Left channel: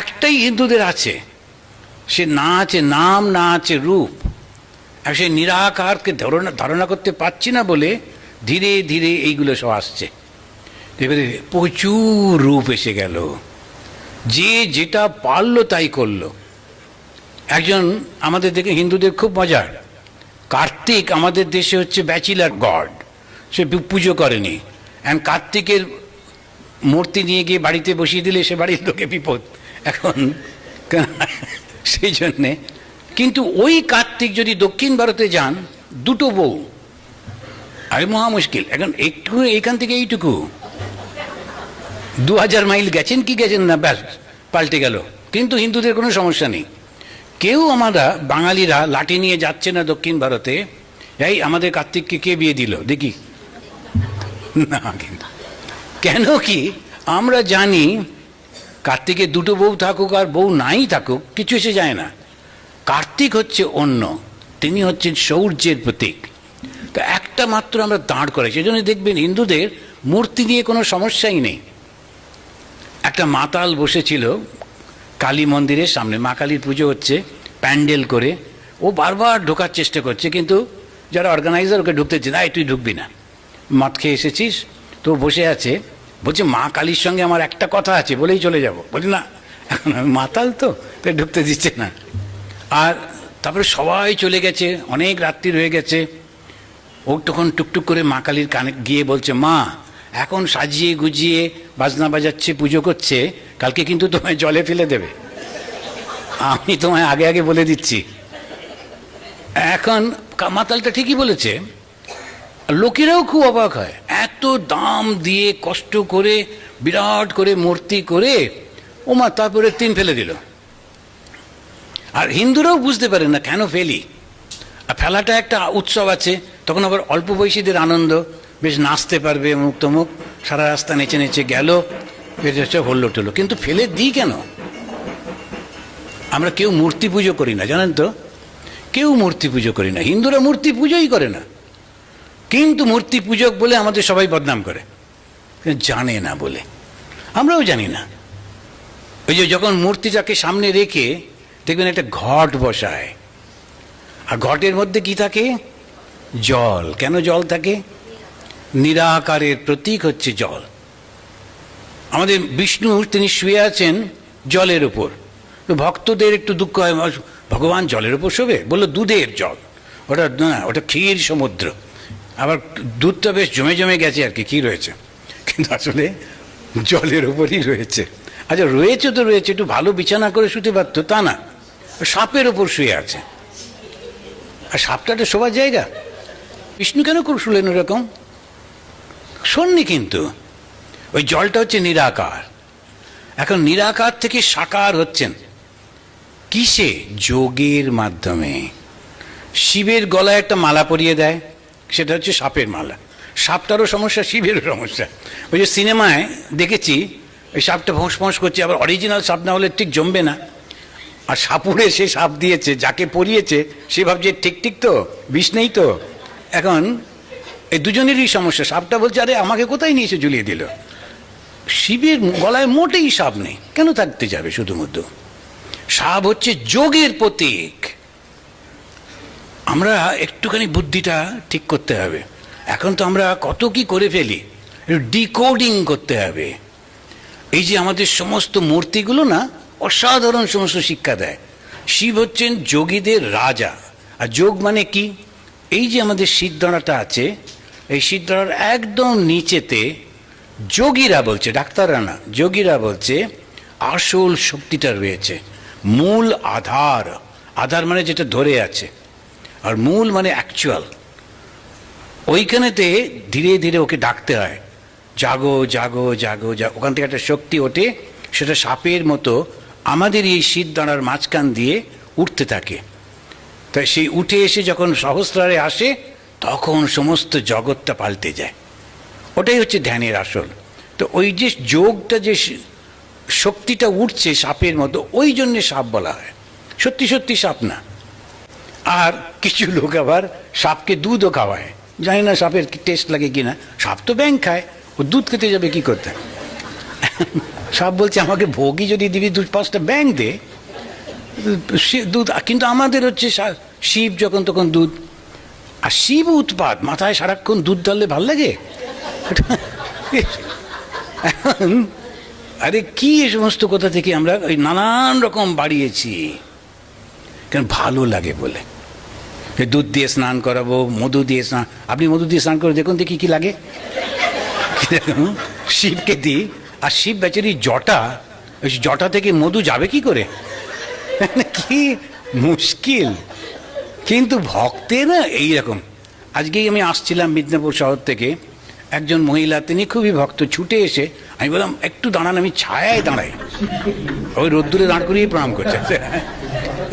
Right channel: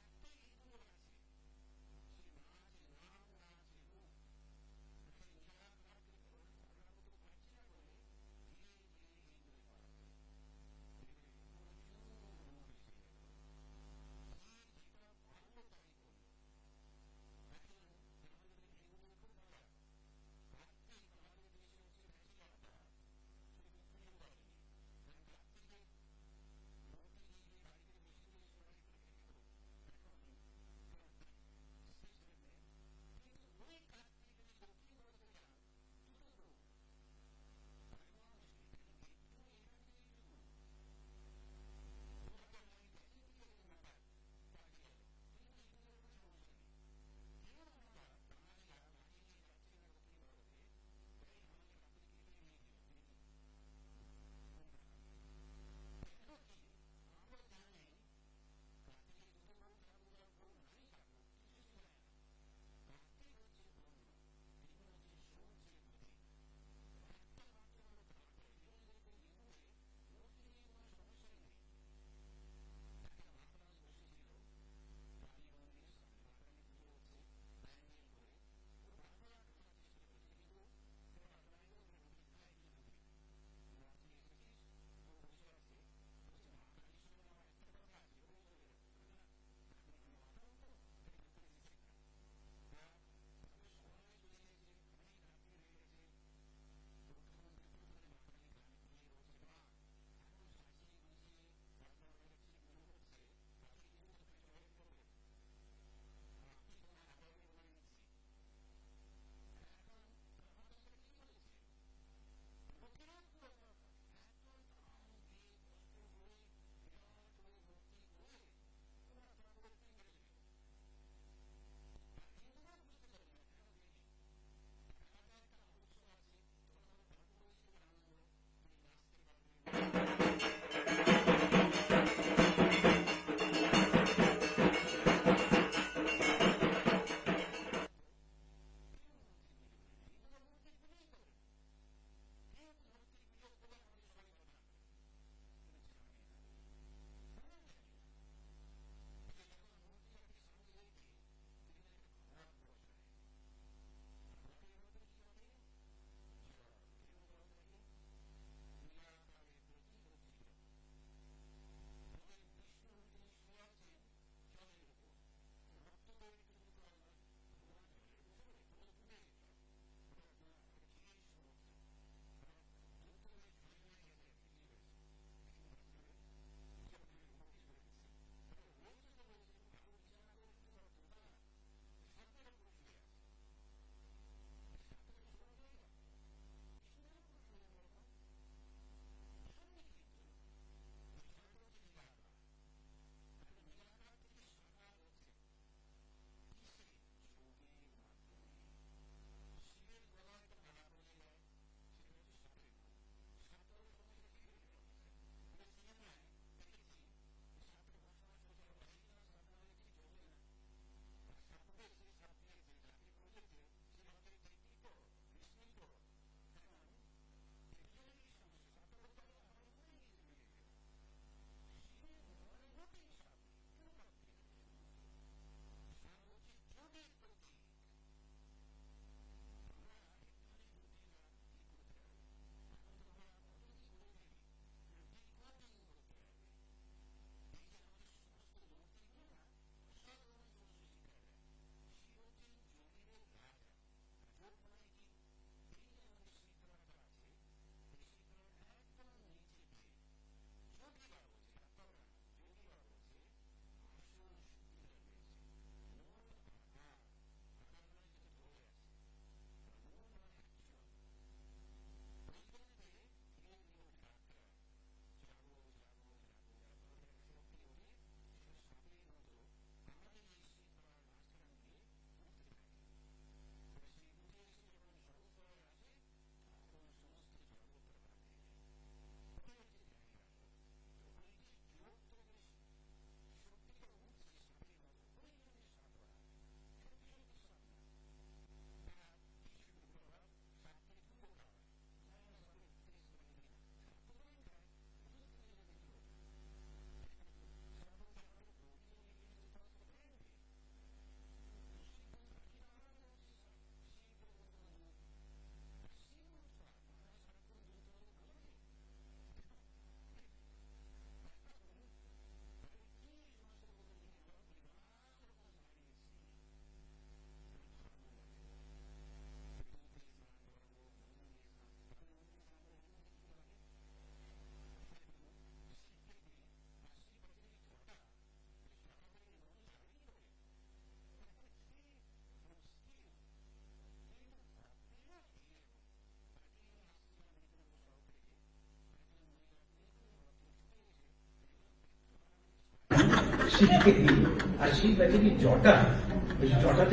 একটাই হিন্দুদের আছে, সে না আছে নাম, না আছে রূপ। আর সে নিরাকারকে ধারণা করতে পারছি না বলে ধীরে ধীরে এইগুলো সব আসছে। এবারে প্রচুর রূপ এসে গেল, যে যেটা পারলো তাই করলো। একজন আমাদের দেখে হিন্দুদের খুব মজার, কার্তিক আমাদের দেশে হচ্ছে ব্যাচিলার গড, সে পুজো করেনি। অ্যান্ড কার্তিকের মূর্তি নিয়ে গিয়ে বাড়িতে বসিয়ে দিলে সে বাড়ির লোকে বিপদ এখন সেই জন্যে। কিন্তু ওই কার্তিক যদি দক্ষিণ ভারতে যান, দুটো বউ, আরে মহা মুশকিল। এখন একটু এইখান থেকে এইটুকু 2000 মাইল গেছেন কি গেছেন না, ব্যাস পাল্টে গেল। কিন্তু হিন্দুদের কোনো সমস্যা নেই। কেউ আমরা বাঙালিরা লাঠি নিয়ে যাচ্ছে না দক্ষিণ ভারতে, এই আমাদের কার্তিককে কে বিয়ে দিল দেখি না। কিন্তু কেন কি আমরা জানি কার্তিকের দুটো বউ থাকুক আর বউ নাই থাকুক, কিছু এসে যায় না। কার্তিক হচ্ছে অন্য, তিনি হচ্ছেন শৌর্যের প্রতীক। তো একটা মাত্র আমরা দাঁড় করাই, সেই জন্য দেখবেন হিন্দুদের মূর্তি নিয়ে কোনো সমস্যাই নেই। একটা মাতাল বসেছিল কালী মন্দিরের সামনে, মা কালীর পুজো হচ্ছে প্যান্ডেল করে, ও বারবার ঢোকার চেষ্টা করছে, কিন্তু যারা অর্গানাইজার ওকে ঢুকতে দিচ্ছে না, তুই ঢুকবি না, মদ খেয়ে এসেছিস। তো বসে আছে, বলছে মা কালীর সঙ্গে আমার একটা কথা আছে, বলেই চলে যাব। বলি না, এখন আমি মাতাল তো, তাই ঢুকতে দিচ্ছে না। আর তারপরে সবাই চলে গেছে, অনেক রাত্রি হয়ে গেছে। ও তখন টুকটুক করে মা কালীর কানে গিয়ে বলছে, মা এখন সাজিয়ে গুজিয়ে বাজনা বাজাচ্ছে, পুজো করছে, কালকে কিন্তু তোমায় জলে ফেলে দেবে, আমি তোমায় আগে আগে বলে দিচ্ছি। এখন মাতালটা ঠিকই বলেছে। লোকেরাও খুব অবাক হয়, এত দাম দিয়ে কষ্ট করে বিরাট করে মূর্তি করে ও মা তারপরে 3 ফেলে দিল। আর হিন্দুরাও বুঝতে পারে না কেন ফেলি। আর ফেলাটা একটা উৎসব আছে, তখন আবার অল্প বয়সীদের আনন্দ, বেশ নাচতে পারবে, মুখ তমুক সারা রাস্তা নেচে নেচে গেল, বেশ হল্লো টলো। কিন্তু ফেলে দিই কেন? আমরা কেউ মূর্তি পুজো করি না, জানেন তো, কেউ মূর্তি পুজো করি না। হিন্দুরা মূর্তি পুজোই করে না, কিন্তু মূর্তি পূজক বলে আমাদের সবাই বদনাম করে, জানে না বলে। আমরাও জানি না। ওই যে যখন মূর্তিটাকে সামনে রেখে দেখবেন একটা ঘট বসায়, আর ঘটের মধ্যে কি থাকে? জল। কেন জল থাকে? নিরাকারের প্রতীক হচ্ছে জল। আমাদের বিষ্ণু তিনি শুয়ে আছেন জলের উপর, তো ভক্তদের একটু দুঃখ হয়, ভগবান জলের উপর শোবে? বললো দুধের জল, ওটা না, ওটা ক্ষীর সমুদ্র। আবার দুধটা বেশ জমে জমে গেছে আর কি, কী রয়েছে, কিন্তু আসলে জলের উপরই রয়েছে। আচ্ছা রয়েছে তো রয়েছে, একটু ভালো বিছানা করে শুতে পারতো, তা না, সাপের ওপর শুয়ে আছে। আর সাপটা একটা শোবার জায়গা? বিষ্ণু কেন করে শুলেন ওরকম? শোননি, কিন্তু ওই জলটা হচ্ছে নিরাকার। এখন নিরাকার থেকে সাকার হচ্ছেন কিসে? যোগের মাধ্যমে। শিবের গলায় একটা মালা পরিয়ে দেয়, সেটা হচ্ছে সাপের মালা। সাপটারও সমস্যা, শিবেরও সমস্যা। ওই যে সিনেমায় দেখেছি, ওই সাপটা ফোঁস ফোঁস করছে, আবার অরিজিনাল সাপ না হলে ঠিক জমবে না। আর সাপুরে সে সাপ দিয়েছে, যাকে পরিয়েছে সে ভাবছে ঠিক ঠিক তো, বিষ নেই তো। এখন এই দুজনেরই সমস্যা। সাপটা বলছে, আরে আমাকে কোথায় নিয়ে এসে ঝুলিয়ে দিল। শিবের গলায় মোটেই সাপ নেই, কেন থাকতে যাবে? শুধুমাত্র সাপ হচ্ছে যোগের প্রতীক। আমরা একটুখানি বুদ্ধিটা ঠিক করতে হবে। এখন তো আমরা কত কি করে ফেলি, ডিকোডিং করতে হবে। এই যে আমাদের সমস্ত মূর্তিগুলো না, অসাধারণ সমস্ত শিক্ষা দেয়। শিব হচ্ছেন যোগীদের রাজা। আর যোগ মানে কি? এই যে আমাদের সিদ্ধরাটা আছে, এই সিদ্ধরার একদম নিচেতে যোগীরা বলছে, ডাক্তাররা না, যোগীরা বলছে আসল শক্তিটা রয়েছে। মূল আধার, আধার মানে যেটা ধরে আছে, আর মূল মানে অ্যাকচুয়াল। ওইখানেতে ধীরে ধীরে ওকে ডাকতে হয়, জাগো জাগো জাগো জাগো। ওখান থেকে একটা শক্তি ওঠে, সেটা সাপের মতো আমাদের এই শীতদাঁড়ার মাঝখান দিয়ে উঠতে থাকে। তাই সেই উঠে এসে যখন সহস্রারে আসে, তখন সমস্ত জগৎটা পাল্টে যায়। ওটাই হচ্ছে ধ্যানের আসল। তো ওই যে যোগটা, যে শক্তিটা উঠছে সাপের মতো, ওই জন্যে সাপ বলা হয়, সত্যি সত্যি সাপ না। আর কিছু লোক আবার সাপকে দুধও খাওয়ায়, জানি না সাপের টেস্ট লাগে কিনা। সাপ তো ব্যাঙ খায়, ও দুধ খেতে যাবে কি করতে? সাপ বলছে আমাকে ভোগই যদি দিবি 2-5টা ব্যাঙ দে, দুধ। কিন্তু আমাদের হচ্ছে শিব যখন তখন দুধ, আর শিব উৎপাত, মাথায় সারাক্ষণ দুধ ঢাললে ভাল লাগে? আরে কি এ সমস্ত কথা থেকে আমরা ওই নানান রকম বাড়িয়েছি, কেন ভালো লাগে বলে। দুধ দিয়ে স্নান করাবো, মধু দিয়ে স্নান, আপনি মধু দিয়ে স্নান করে দেখুন দেখি কি লাগে। শিবকে দিই, আর শিব বেচারি জটা, ওই জটা থেকে মধু যাবে কি করে, কি মুশকিল। কিন্তু ভক্তের না এইরকম। আজকেই আমি আসছিলাম মেদিনীপুর শহর থেকে, একজন মহিলা, তিনি খুবই ভক্ত, ছুটে এসে আমি বললাম একটু দাঁড়ান, আমি ছায়ায় দাঁড়াই, ওই রোদ্দুরে দাঁড় করিয়ে প্রণাম করছে।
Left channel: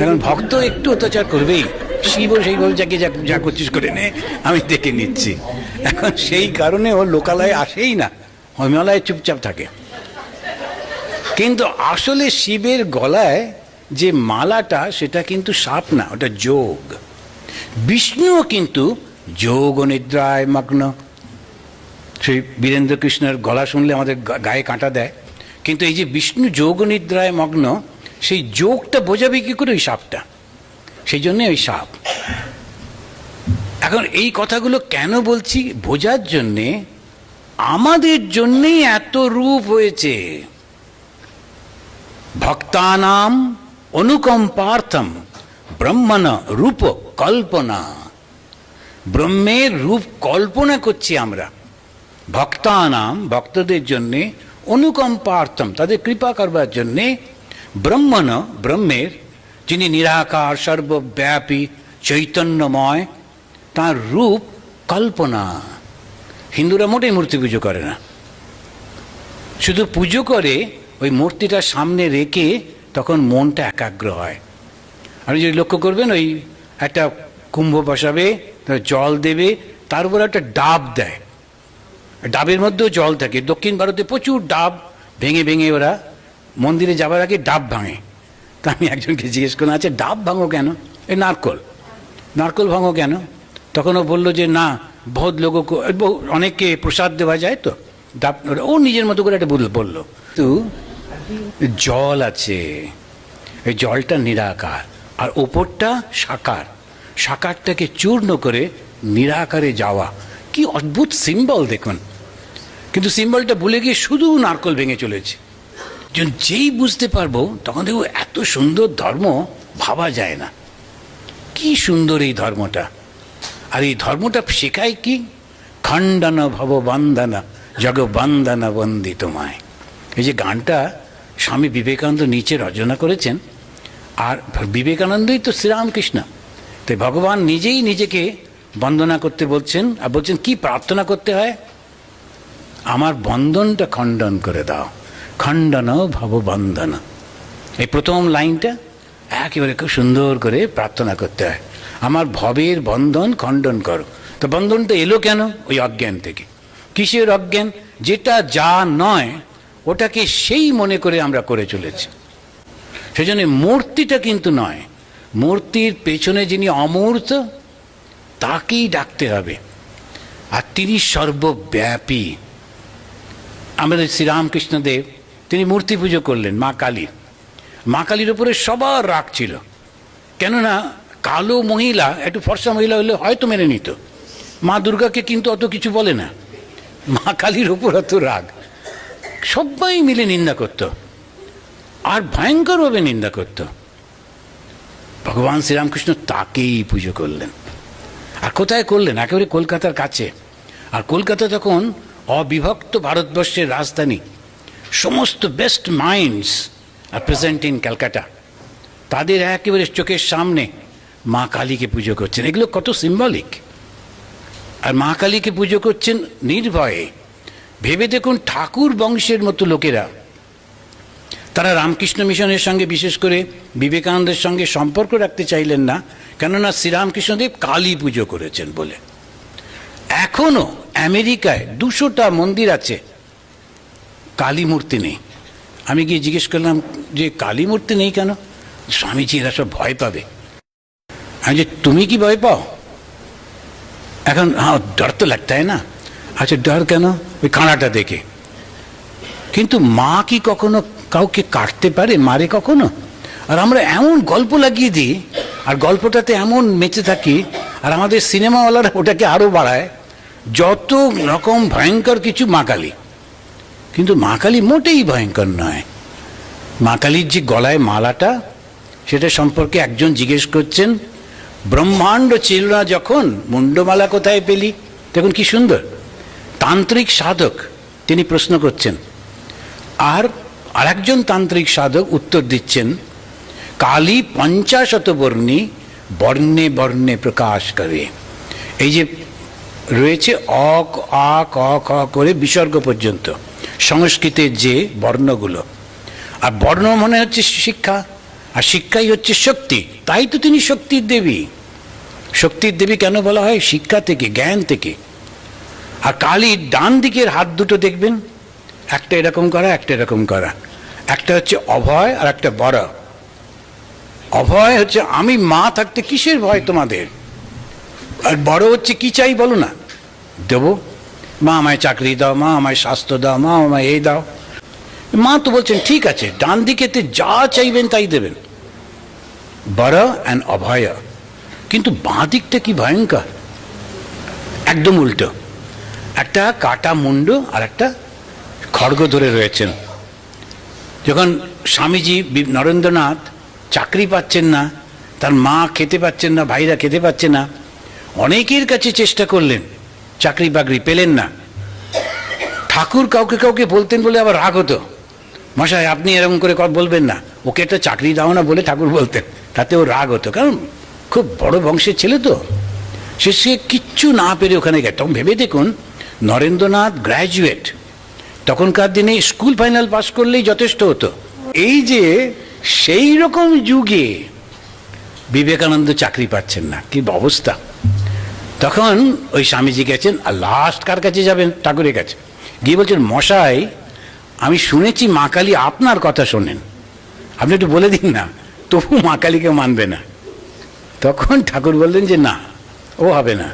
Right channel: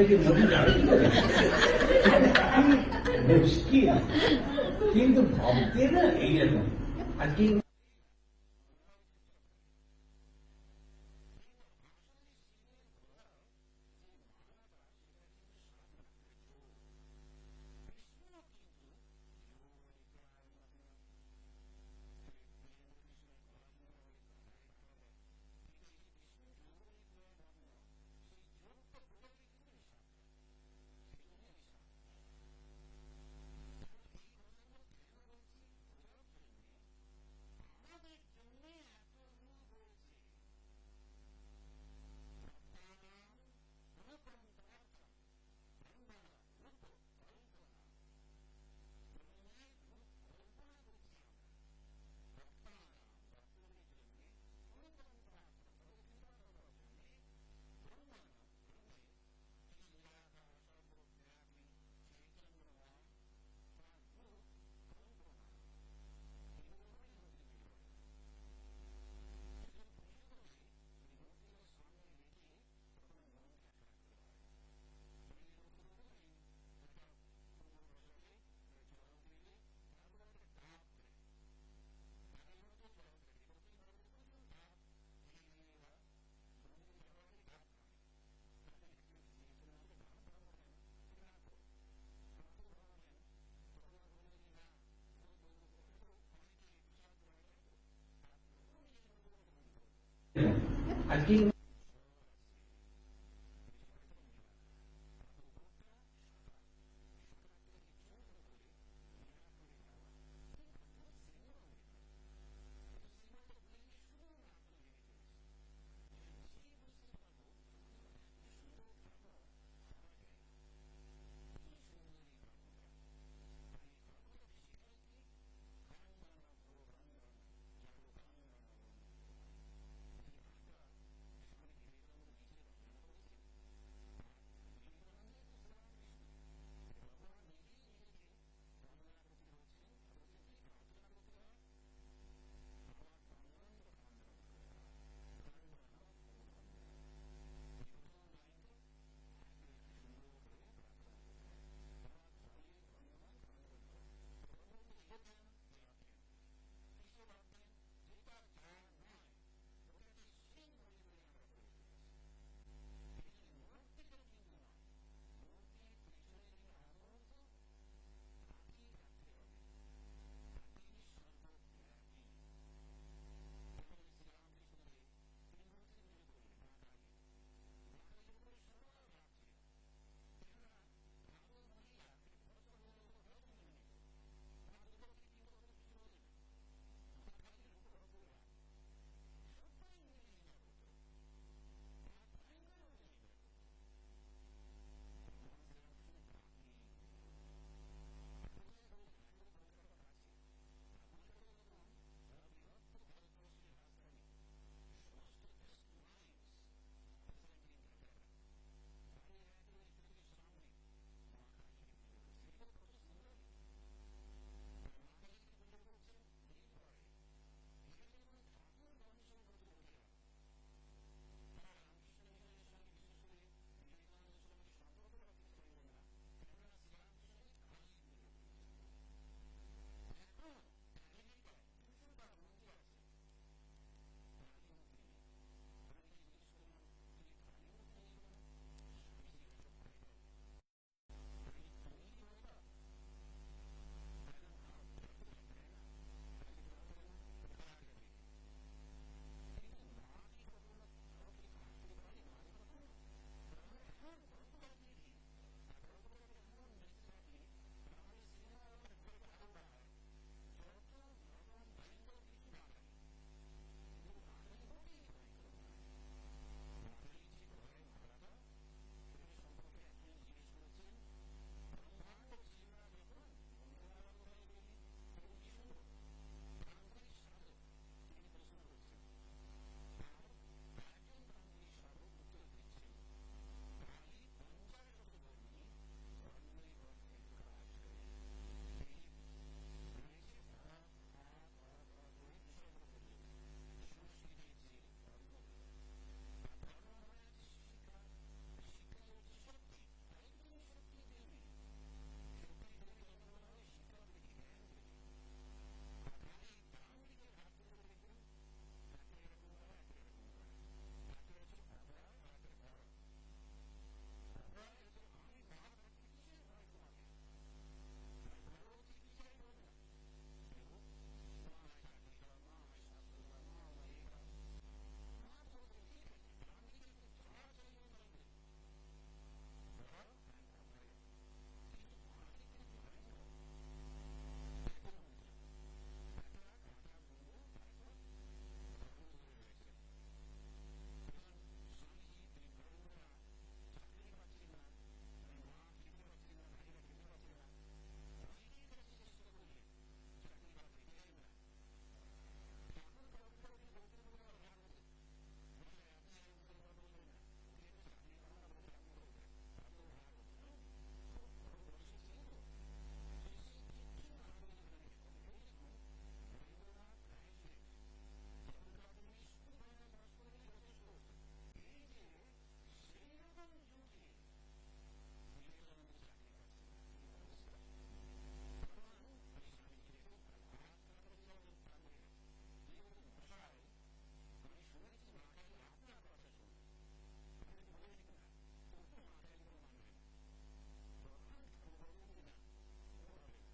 এখন ভক্ত একটু অত্যাচার করবেই, শিবও সেইভাবে যাকে যা করছিস করে নে, আমি দেখে নিচ্ছি। এখন সেই কারণে ও লোকালয়ে আসেই না, হিমালয়ে চুপচাপ থাকে। কিন্তু আসলে শিবের গলায় যে মালাটা, সেটা কিন্তু সাপ না, ওটা যোগ। বিষ্ণুও কিন্তু যোগ নিদ্রায় মগ্ন। সেই বীরেন্দ্র কৃষ্ণের গলা শুনলে আমাদের গায়ে কাঁটা দেয়। কিন্তু এই যে বিষ্ণু যোগ নিদ্রায় মগ্ন, সেই যোগটা বোঝাবে কি করে ওই সাপটা, সেই জন্যে ওই সাপ। এখন এই কথাগুলো কেন বলছি, বোঝার জন্যে আমাদের জন্যেই এত রূপ হয়েছে। ভক্তানাম অনুকম্পার্থম ব্রহ্মণ রূপ কল্পনা। ব্রহ্মের রূপ কল্পনা করছি আমরা ভক্তানাম, ভক্তদের জন্যে, অনুকম্পার্থম, তাদের কৃপা করবার জন্যে, ব্রহ্মণ, ব্রহ্মের, যিনি নিরাকার সর্বব্যাপী চৈতন্যময়, তার রূপ কল্পনা। হিন্দুরা মোটেই মূর্তি পুজো করে না, শুধু পুজো করে ওই মূর্তিটার সামনে রেখে, তখন মনটা একাগ্র হয়। আপনি যদি লক্ষ্য করবেন, ওই একটা কুম্ভ বসাবে, জল দেবে, তার উপর একটা ডাব দেয়, ডাবের মধ্যেও জল থাকে। দক্ষিণ ভারতে প্রচুর ডাব ভেঙে ভেঙে ওরা মন্দিরে যাবার আগে ডাব ভাঙে। তা আমি একজনকে জিজ্ঞেস করলাম, আচ্ছা ডাব ভাঙো কেন? এই নারকল ভাঙো কেন? তখন ও বললো যে না, বহুত লোক, অনেককে প্রসাদ দেওয়া যায় তো, ডাব। ও নিজের মতো করে একটা বললো। তো জল আছে, এই জলটা নিরাকার, আর ওপরটা সাকার, সাকারটাকে চূর্ণ করে নিরাকারে যাওয়া। কি অদ্ভুত সিম্বল দেখুন। কিন্তু সিম্বলটা ভুলে গিয়ে শুধু নারকল ভেঙে চলেছে। যেই বুঝতে পারবো, তখন দেখবো এত সুন্দর ধর্ম ভাবা যায় না। কি সুন্দর এই ধর্মটা। আর এই ধর্মটা শেখায় কি? খণ্ডন ভব বন্দনা জগ বন্দনা বন্দি তোমায়। এই যে গানটা স্বামী বিবেকানন্দ নিচে রচনা করেছেন, আর বিবেকানন্দই তো শ্রীরামকৃষ্ণ। তো ভগবান নিজেই নিজেকে বন্দনা করতে বলছেন, আর বলছেন কি প্রার্থনা করতে হয়? আমার বন্ধনটা খণ্ডন করে দাও, খণ্ডন ভব বন্দন। এই প্রথম লাইনটা একেবারে খুব সুন্দর করে প্রার্থনা করতে হয়, আমার ভবের বন্ধন খণ্ডন করো। তো বন্ধনটা এলো কেন? ওই অজ্ঞান থেকে। কিসের অজ্ঞান? যেটা যা নয় ওটাকে সেই মনে করে আমরা করে চলেছি। সেজন্য মূর্তিটা কিন্তু নয়, মূর্তির পেছনে যিনি অমূর্ত, তাকেই ডাকতে হবে। আর তিনি সর্বব্যাপী। আমাদের শ্রীরামকৃষ্ণদেব, তিনি মূর্তি পুজো করলেন মা কালীর। মা কালীর উপরে সবার রাগ ছিল, কেননা কালো মহিলা, একটু ফর্সা মহিলা হলে হয়তো মেনে নিত, মা দুর্গাকে কিন্তু অত কিছু বলে না। মা কালীর উপর অত রাগ, সবাই মিলে নিন্দা করত, আর ভয়ঙ্করভাবে নিন্দা করত। ভগবান শ্রীরামকৃষ্ণ তাকেই পুজো করলেন। আর কোথায় করলেন? একেবারে কলকাতার কাছে। আর কলকাতা তখন অবিভক্ত ভারতবর্ষের রাজধানী। সমস্ত বেস্ট মাইন্ডস আর প্রেজেন্ট ইন ক্যালকাটা, তাদের একেবারে চোখের সামনে মা কালীকে পুজো করছেন। এগুলো কত সিম্বলিক। আর মা কালীকে পুজো করছেন নির্ভয়ে। ভেবে দেখুন, ঠাকুর বংশের মতো লোকেরা, তারা রামকৃষ্ণ মিশনের সঙ্গে, বিশেষ করে বিবেকানন্দের সঙ্গে সম্পর্ক রাখতে চাইলেন না, কেননা শ্রীরামকৃষ্ণদেব কালী পুজো করেছেন বলে। এখনো আমেরিকায় 200টা মন্দির আছে, কালী মূর্তি নেই। আমি গিয়ে জিজ্ঞেস করলাম যে কালী মূর্তি নেই কেন? স্বামীজি এরা সব ভয় পাবে। আমি যে তুমি কি ভয় পাও? এখন হ্যাঁ, ডর তো লাগতা है না। আচ্ছা ডর কেন? ওই কাঁড়াটা দেখে। কিন্তু মা কি কখনো কাউকে কাটতে পারে, মারে কখনো? আর আমরা এমন গল্প লাগিয়ে দিই, আর গল্পটাতে এমন মেতে থাকি, আর আমাদের সিনেমাওয়ালারা ওটাকে আরও বাড়ায়, যত রকম ভয়ঙ্কর কিছু মা কালী। কিন্তু মা কালী মোটেই ভয়ঙ্কর নয়। মা কালীর যে গলায় মালাটা, সেটা সম্পর্কে একজন জিজ্ঞেস করছেন, ব্রহ্মাণ্ড ছিল না যখন মুন্ডমালা কোথায় পেলি? দেখুন কি সুন্দর। তান্ত্রিক সাধক তিনি প্রশ্ন করছেন, আর আরেকজন তান্ত্রিক সাধক উত্তর দিচ্ছেন, কালী 50 বর্ণী, বর্ণে বর্ণে প্রকাশ করে। এই যে রয়েছে অ আ ক খ করে বিসর্গ পর্যন্ত সংস্কৃতের যে বর্ণগুলো, আর বর্ণ মনে হচ্ছে শিক্ষা, আর শিক্ষাই হচ্ছে শক্তি। তাই তো তিনি শক্তির দেবী। শক্তির দেবী কেন বলা হয়? শিক্ষা থেকে, জ্ঞান থেকে। আর কালীর ডান দিকের হাত দুটো দেখবেন, একটা এরকম করা, একটা এরকম করা। একটা হচ্ছে অভয় আর একটা বড়। অভয় হচ্ছে আমি মা থাকতে কিসের ভয় তোমাদের, আর বড় হচ্ছে কি চাই বলো না, দেবো। মা আমায় চাকরি দাও, মা আমায় স্বাস্থ্য দাও, মা আমায় এই দাও। মা তো বলছেন ঠিক আছে, ডান দিকেতে যা চাইবেন তাই দেবেন, বড় অ্যান্ড অভয়। কিন্তু বাঁ দিকটা কি ভয়ঙ্কর, একদম উল্টো। একটা কাটা মুন্ড আর একটা খড়গ ধরে রয়েছেন। যখন স্বামীজি নরেন্দ্রনাথ চাকরি পাচ্ছেন না, তার মা খেতে পাচ্ছেন না, ভাইরা খেতে পাচ্ছে না, অনেকের কাছে চেষ্টা করলেন, চাকরি বাকরি পেলেন না। ঠাকুর কাউকে কাউকে বলতেন বলে আবার রাগ হতো, মশাই আপনি এরকম করে বলবেন না, ওকে একটা চাকরি দাও না বলে ঠাকুর বলতেন, তাতে ও রাগ হতো, কারণ খুব বড় বংশের ছেলে তো। সে কিচ্ছু না পেরে ওখানে গেছে। তখন ভেবে দেখুন, নরেন্দ্রনাথ গ্র্যাজুয়েট, তখনকার দিনে স্কুল ফাইনাল পাস করলেই যথেষ্ট হতো। এই যে সেই রকম যুগে বিবেকানন্দ চাকরি পাচ্ছেন না, কি অবস্থা। তখন ওই স্বামীজি গেছেন, আর লাস্ট কার কাছে যাবেন? ঠাকুরের কাছে গিয়ে বলছেন, মশাই আমি শুনেছি মা কালী আপনার কথা শোনেন, আপনি একটু বলে দিন না। তবু মা কালীকে মানবে না। তখন ঠাকুর বললেন যে না, ও হবে না,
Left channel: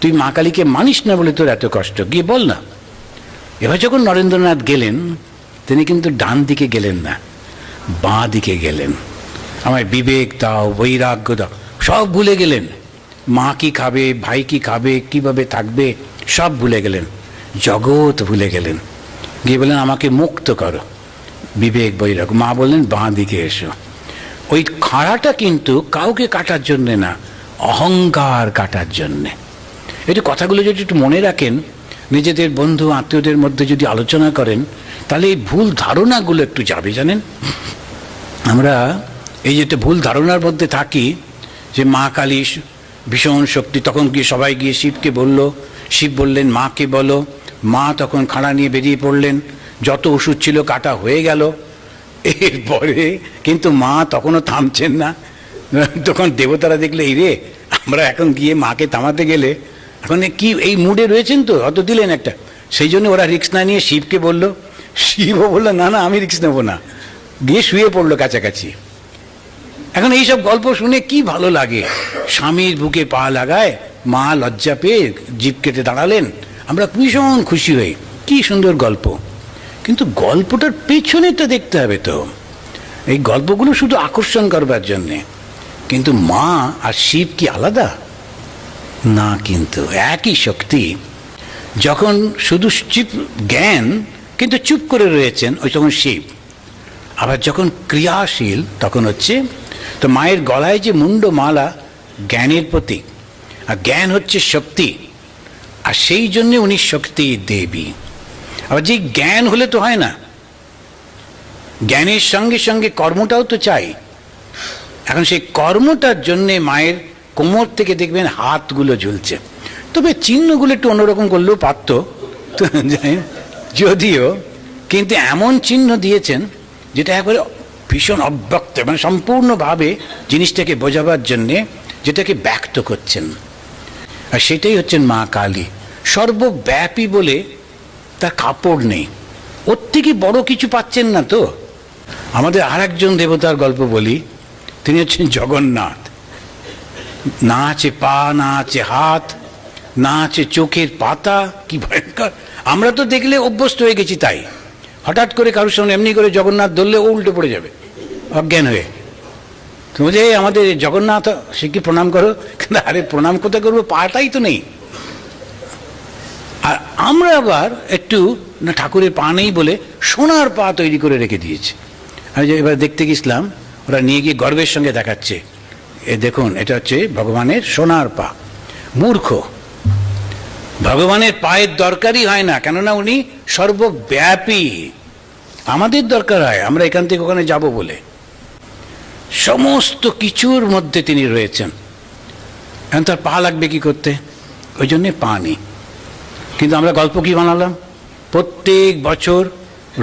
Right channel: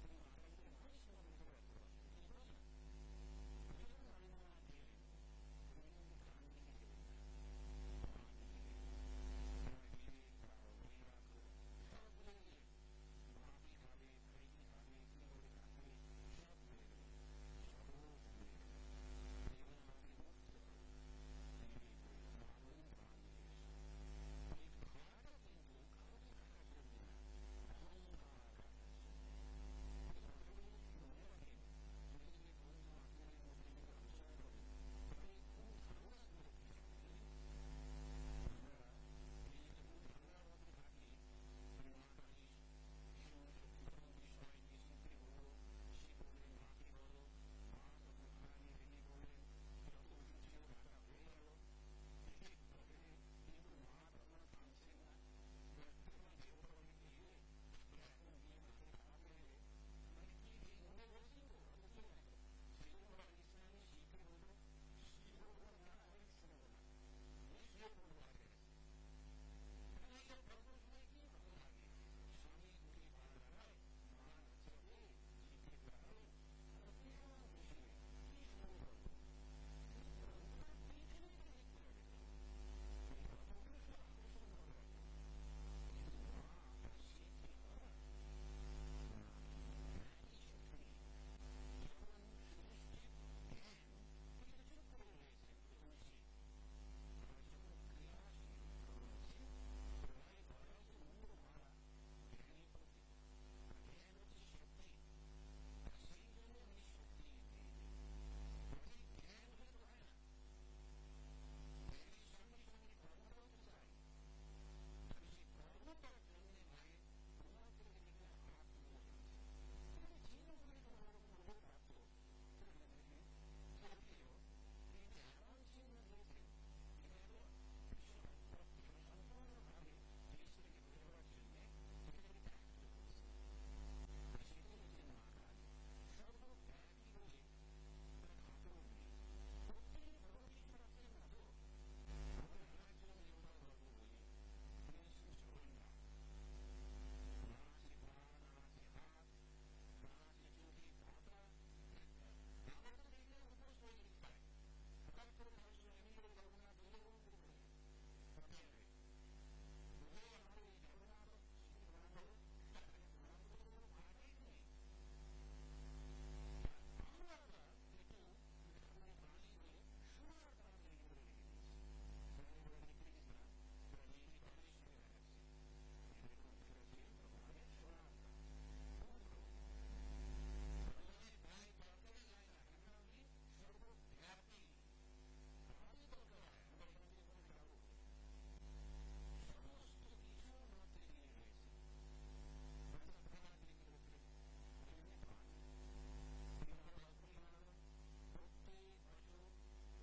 তুই মা কালীকে মানিস না বলে তোর এত কষ্ট, গিয়ে বল না। এবার যখন নরেন্দ্রনাথ গেলেন, তিনি কিন্তু ডান দিকে গেলেন না, বাঁ দিকে গেলেন। আমায় বিবেক দাও, বৈরাগ্য দাও, সব ভুলে গেলেন। মা কি খাবে, ভাই কি খাবে, কিভাবে থাকবে, সব ভুলে গেলেন, জগৎ ভুলে গেলেন। গিয়ে বললেন আমাকে মুক্ত করো, বিবেক বৈরাগ্য। মা বললেন বাঁ দিকে এসো। ওই খাড়াটা কিন্তু কাউকে কাটার জন্যে না, অহংকার কাটার জন্যে। একটু কথাগুলো যদি একটু মনে রাখেন, নিজেদের বন্ধু আত্মীয়দের মধ্যে যদি আলোচনা করেন, তাহলে এই ভুল ধারণাগুলো একটু যাবে। জানেন, আমরা এই যে ভুল ধারণার মধ্যে থাকি যে মা কালী ভীষণ শক্তি, তখন গিয়ে সবাই গিয়ে শিবকে বলল, শিব বললেন মাকে বলো। মা তখন খাড়া নিয়ে বেরিয়ে পড়লেন, যত ওষুধ ছিল কাটা হয়ে গেল। এরপরে কিন্তু মা তখনও থামছেন না। তখন দেবতারা দেখলে, এই রে, আমরা এখন গিয়ে মাকে থামাতে গেলে, এখন কি এই মুডে রয়েছেন তো, অত দিলেন একটা। সেই জন্য ওরা রিস্ক না নিয়ে শিবকে বলল, শিবও বললো না না আমি রিস্ক নেবো না, গিয়ে শুয়ে পড়লো কাছাকাছি। এখন এইসব গল্প শুনে কি ভালো লাগে, স্বামীর বুকে পা লাগায়, মা লজ্জা পেয়ে জিভ কেটে দাঁড়ালেন, আমরা ভীষণ খুশি হই, কি সুন্দর গল্প। কিন্তু গল্পটার পেছনেটা দেখতে হবে তো। এই গল্পগুলো শুধু আকর্ষণ করবার জন্যে। কিন্তু মা আর শিব কি আলাদা? না, কিন্তু একই শক্তি। যখন শুধু শিব জ্ঞান কিন্তু চুপ করে রয়েছেন, ওই তখন শিব। আবার যখন ক্রিয়াশীল তখন হচ্ছে, তো মায়ের গলায় যে মুন্ডমালা জ্ঞানের প্রতীক, আর জ্ঞান হচ্ছে শক্তি, আর সেই জন্যে উনি শক্তি দেবী। আবার যে জ্ঞান হলে তো হয় না, জ্ঞানের সঙ্গে সঙ্গে কর্মটাও তো চাই। এখন সেই কর্মটার জন্যে মায়ের কোমর থেকে দেখবেন হাতগুলো ঝুলছে। তবে চিহ্নগুলো একটু অন্যরকম করলেও পারত, যদিও, কিন্তু এমন চিহ্ন দিয়েছেন যেটা একবারে ভীষণ অব্যক্ত, মানে সম্পূর্ণভাবে জিনিসটাকে বোঝাবার জন্যে যেটাকে ব্যক্ত করছেন। আর সেটাই হচ্ছেন মা কালী, সর্বব্যাপী বলে তার কাপড় নেই। ওর থেকে বড় কিছু পাচ্ছেন না তো। আমাদের আর একজন দেবতার গল্প বলি, তিনি হচ্ছেন জগন্নাথ। না আছে পা, না আছে হাত, না আছে চোখের পাতা, কি ভয়ঙ্কর। আমরা তো দেখলে অভ্যস্ত হয়ে গেছি তাই, হঠাৎ করে কারোর সামনে এমনি করে জগন্নাথ ধরলে ও উল্টে পড়ে যাবে অজ্ঞান হয়ে। তুমি যে আমাদের জগন্নাথ, সে কি প্রণাম করো? কিন্তু আরে প্রণাম কোথায় করবো, পাটাই তো নেই। আর আমরা আবার একটু না, ঠাকুরের পা নেই বলে সোনার পা তৈরি করে রেখে দিয়েছি। আমি যে এবার দেখতে গেছিলাম, ওরা নিয়ে গিয়ে গর্বের সঙ্গে দেখাচ্ছে, এ দেখুন এটা হচ্ছে ভগবানের সোনার পা। মূর্খ, ভগবানের পায়ের দরকারই হয় না, কেননা উনি সর্বব্যাপী। আমাদের দরকার হয় আমরা এখান থেকে ওখানে যাব বলে, সমস্ত কিছুর মধ্যে তিনি রয়েছেন। এখন তার পা লাগবে কি করতে? ওই জন্যে পা নেই। কিন্তু আমরা গল্প কি বানালাম? প্রত্যেক বছর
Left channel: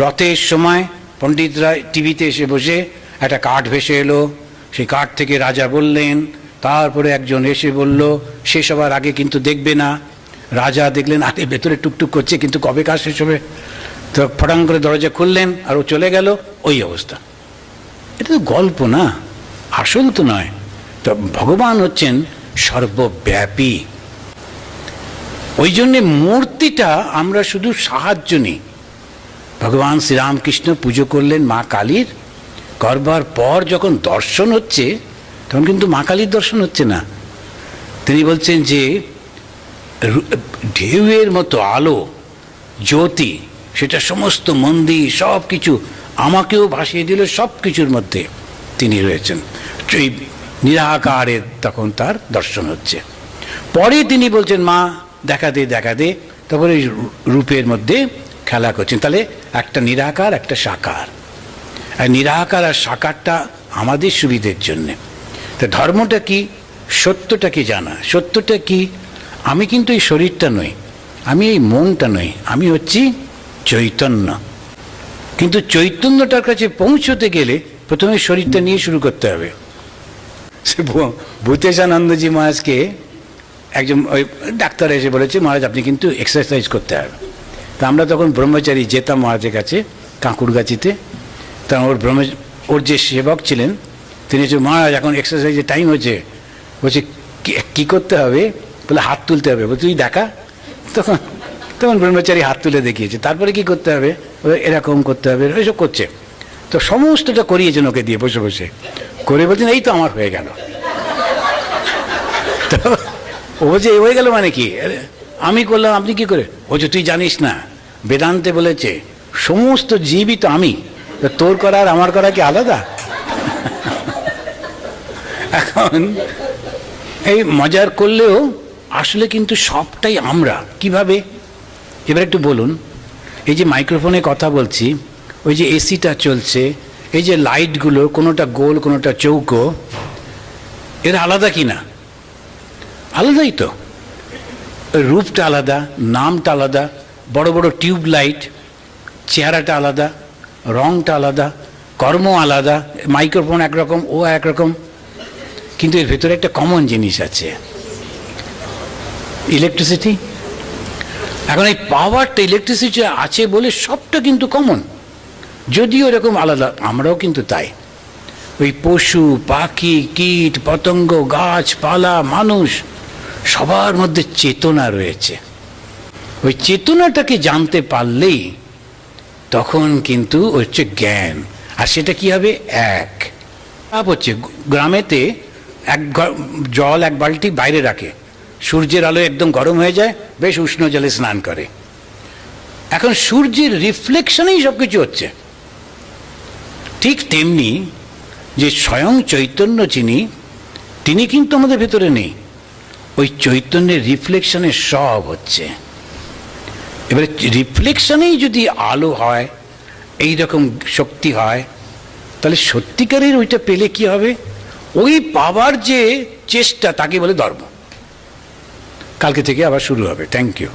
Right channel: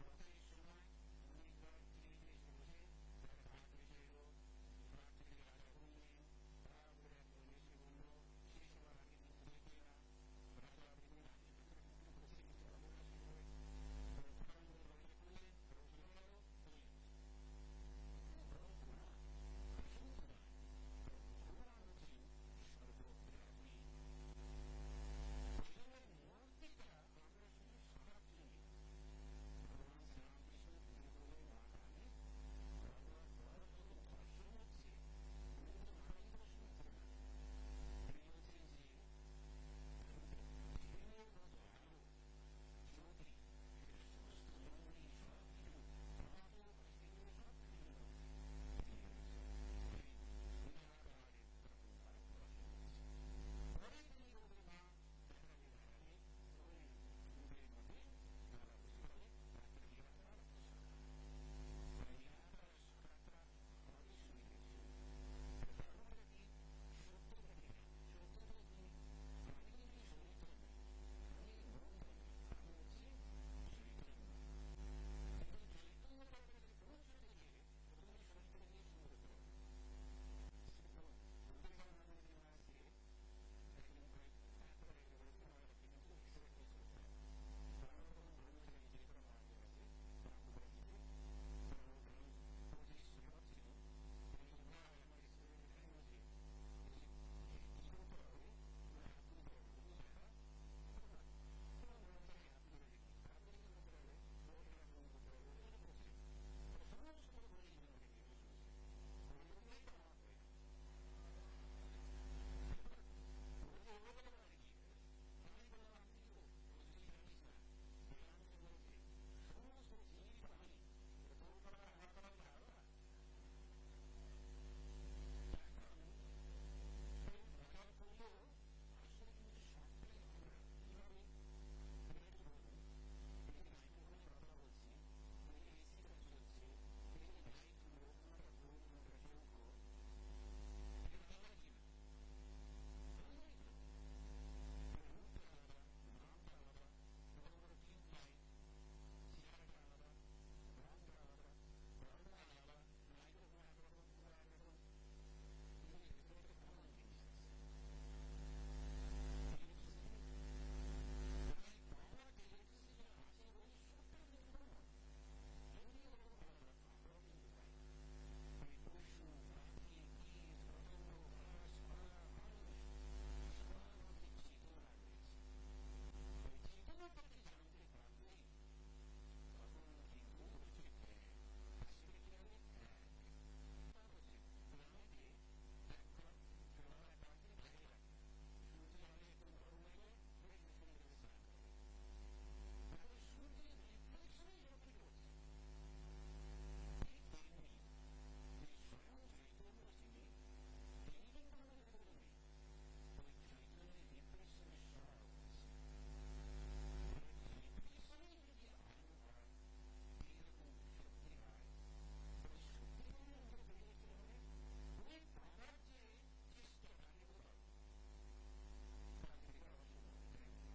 রথের সময় পণ্ডিতরা টিভিতে এসে বসে একটা কাঠ ভেসে এলো, সেই কাঠ থেকে রাজা বললেন, তারপরে একজন এসে বলল শেষ হবার আগে কিন্তু দেখবে না। রাজা দেখলেন আগে ভেতরে টুকটুক করছে, কিন্তু কবে কাজ শেষ হবে? তো ফটাং করে দরজা খুললেন আর ও চলে গেল। ওই অবস্থা। এটা তো গল্প না, আসল তো নয়। তো ভগবান হচ্ছেন সর্বব্যাপী। ওই জন্যে মূর্তিটা আমরা শুধু সাহায্য নিই। ভগবান শ্রীরামকৃষ্ণ পুজো করলেন মা কালীর, করবার পর যখন দর্শন হচ্ছে তখন কিন্তু মা কালীর দর্শন হচ্ছে না। তিনি বলছেন যে ঢেউয়ের মতো আলো, জ্যোতি, সেটা সমস্ত মন্দির সব কিছু আমাকেও ভাসিয়ে দিল, সব কিছুর মধ্যে তিনি রয়েছেন। এই নিরাকারের তখন তার দর্শন হচ্ছে। পরে তিনি বলছেন মা দেখা দে দেখা দে, তারপরে রূপের মধ্যে খেলা করছেন। তাহলে একটা নিরাকার একটা সাকার, আর নিরাকার আর সাকারটা আমাদের সুবিধের জন্যে। তা ধর্মটা কি? সত্যটা কি জানা। সত্যটা কি? আমি কিন্তু এই শরীরটা নই, আমি এই মনটা নই, আমি হচ্ছি চৈতন্য। কিন্তু চৈতন্যটার কাছে পৌঁছতে গেলে প্রথমে শরীরটা নিয়ে শুরু করতে হবে। সে ভূতেশানন্দজি মহারাজকে একজন ওই ডাক্তার এসে বলেছে, মহারাজ আপনি কিন্তু এক্সারসাইজ করতে হবে। তা আমরা তখন ব্রহ্মচারী যেতাম মহারাজের কাছে কাঁকুড়গাছিতে। তা ওর যে সেবক ছিলেন তিনি বলছে, মহারাজ এখন এক্সারসাইজের টাইম হচ্ছে। বলছে কী করতে হবে? বলে হাত তুলতে হবে। বলে তুই দেখা। তখন ব্রহ্মচারী হাত তুলে দেখিয়েছে। তারপরে কি করতে হবে? এরকম করতে হবে, এইসব করছে। তো সমস্তটা করিয়েছেন ওকে দিয়ে বসে বসে করে, বলছেন এই তো আমার হয়ে গেল। তো ও বলছে হয়ে গেল মানে কি? আমি করলাম, আপনি কি করে? বলছে তুই জানিস না, বেদান্তে বলেছে সমস্ত জীবই তো আমি, তোর করা আর আমার করা কি আলাদা? এখন এই মজার করলেও আসলে কিন্তু সবটাই আমরা। কিভাবে? এবার একটু বলুন। এই যে মাইক্রোফোনে কথা বলছি, ওই যে এসিটা চলছে, এই যে লাইটগুলো কোনোটা গোল কোনোটা চৌকো, এরা আলাদা কি না? আলাদাই তো। রূপটা আলাদা, নামটা আলাদা, বড় বড় টিউব লাইট, চেহারাটা আলাদা, রংটা আলাদা, কর্ম আলাদা। মাইক্রোফোন একরকম, ও একরকম, কিন্তু এর ভেতরে একটা কমন জিনিস আছে, ইলেকট্রিসিটি। এখন এই পাওয়ারটা ইলেকট্রিসিটি আছে বলে সবটা কিন্তু কমন, যদিও এরকম আলাদা। আমরাও কিন্তু তাই। ওই পশু পাখি কীট পতঙ্গ গাছপালা মানুষ সবার মধ্যে চেতনা রয়েছে। ওই চেতনাটাকে জানতে পারলেই তখন কিন্তু হচ্ছে জ্ঞান। আর সেটা কি হবে? এক হচ্ছে গ্রামেতে জল এক বালতি বাইরে রাখে, সূর্যের আলো একদম গরম হয়ে যায়, বেশ উষ্ণ জলে স্নান করে। এখন সূর্যের রিফ্লেকশনেই সব কিছু হচ্ছে। ঠিক তেমনি যে স্বয়ং চৈতন্য যিনি, তিনি কিন্তু আমাদের ভেতরে নেই, ওই চৈতন্যের রিফ্লেকশনে সব হচ্ছে। এবারে রিফ্লেকশনেই যদি আলো হয়, এই রকম শক্তি হয়, তাহলে সত্যিকারের ওইটা পেলে কি হবে? ওই পাওয়ার যে চেষ্টা, তাকে বলে ধর্ম। কালকে থেকে আবার শুরু হবে। Thank you.